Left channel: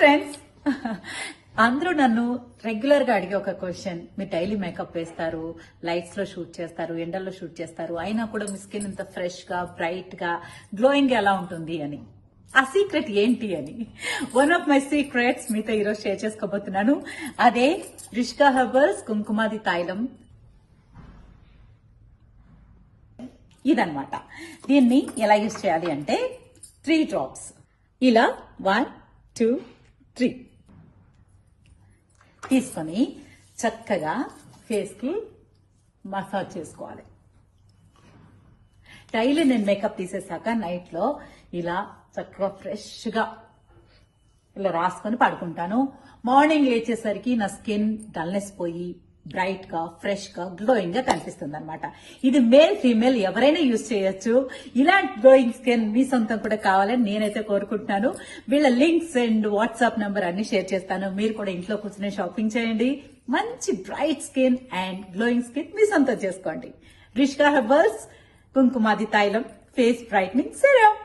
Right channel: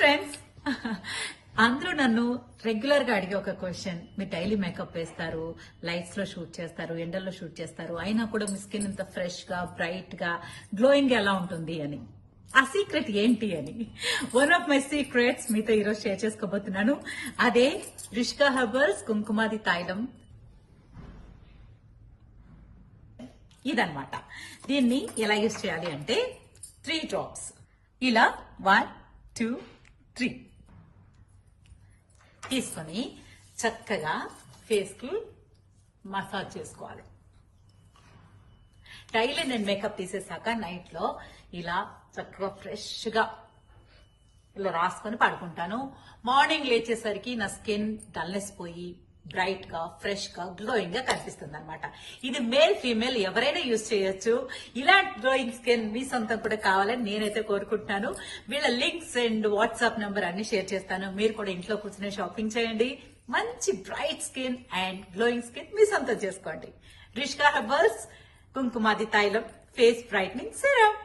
Friends, అందరూ నన్ను regular గా అడిగే ఒక క్వశ్చన్, మీరు డైలీ మేకప్ వేస్తారు, లైట్స్ లో షూట్ చేస్తారు, ఎండల్లో షూట్ చేస్తారు, అయినా కూడా మీ స్కిన్ ఇంత ఫ్రెష్ గా బ్రైట్ గా గ్లోయింగ్ ఎలా ఉంటుంది అని. ఆ సీక్రెట్ ఏంటి అని వన్ ఆఫ్ మై సీక్రెట్స్ మీతో ఈరోజు షేర్ చేసుకోబోతున్నాను. అదే రిష్కా హెర్బల్స్ కుంకుమాది తైలం. ఇదన్నమాట. దీన్ని ఎలా యూజ్ చేయాలి అంటే 3 డ్రాప్స్ ఇలా 1, 2, 3 తీసుకొని చక్కగా ఫేస్ కి మసాజ్ చేసుకోవాలి. డైలీ నేను మేకప్ తీసేసాక నైట్ లో ఇలా చక్కగా ఫ్రెష్ గా ఇలా రాసుకొని పడుకుంటాను. మార్నింగ్ లేచేసరికి నా స్కిన్ డల్నెస్ పోయి బ్రైట్ గా ఫ్రెష్ గా గ్లోయింగ్ గా కనిపిస్తుంది అనమాట. ఇది మేల్ ఫీమేల్ ఎవరైనా యూజ్ చేయొచ్చు. ఇలాంటి గ్లోయింగ్ స్కిన్ మీ సొంతం కూడా కావాలని నేనైతే కోరుకుంటున్నాను. వీళ్ళ లింక్స్ అండ్ వాట్సాప్ నంబర్ అన్ని షేర్ చేస్తాను. మీరు కూడా ఇంట్లో కూర్చొని షాపింగ్ చేయండి. మంచి bright skin and glowing skin మీ సొంతం చేసుకోండి. రిష్కా హెర్బల్స్ కుంకుమాది తైలం ఫేస్ బ్రైట్నింగ్ సిరమ్.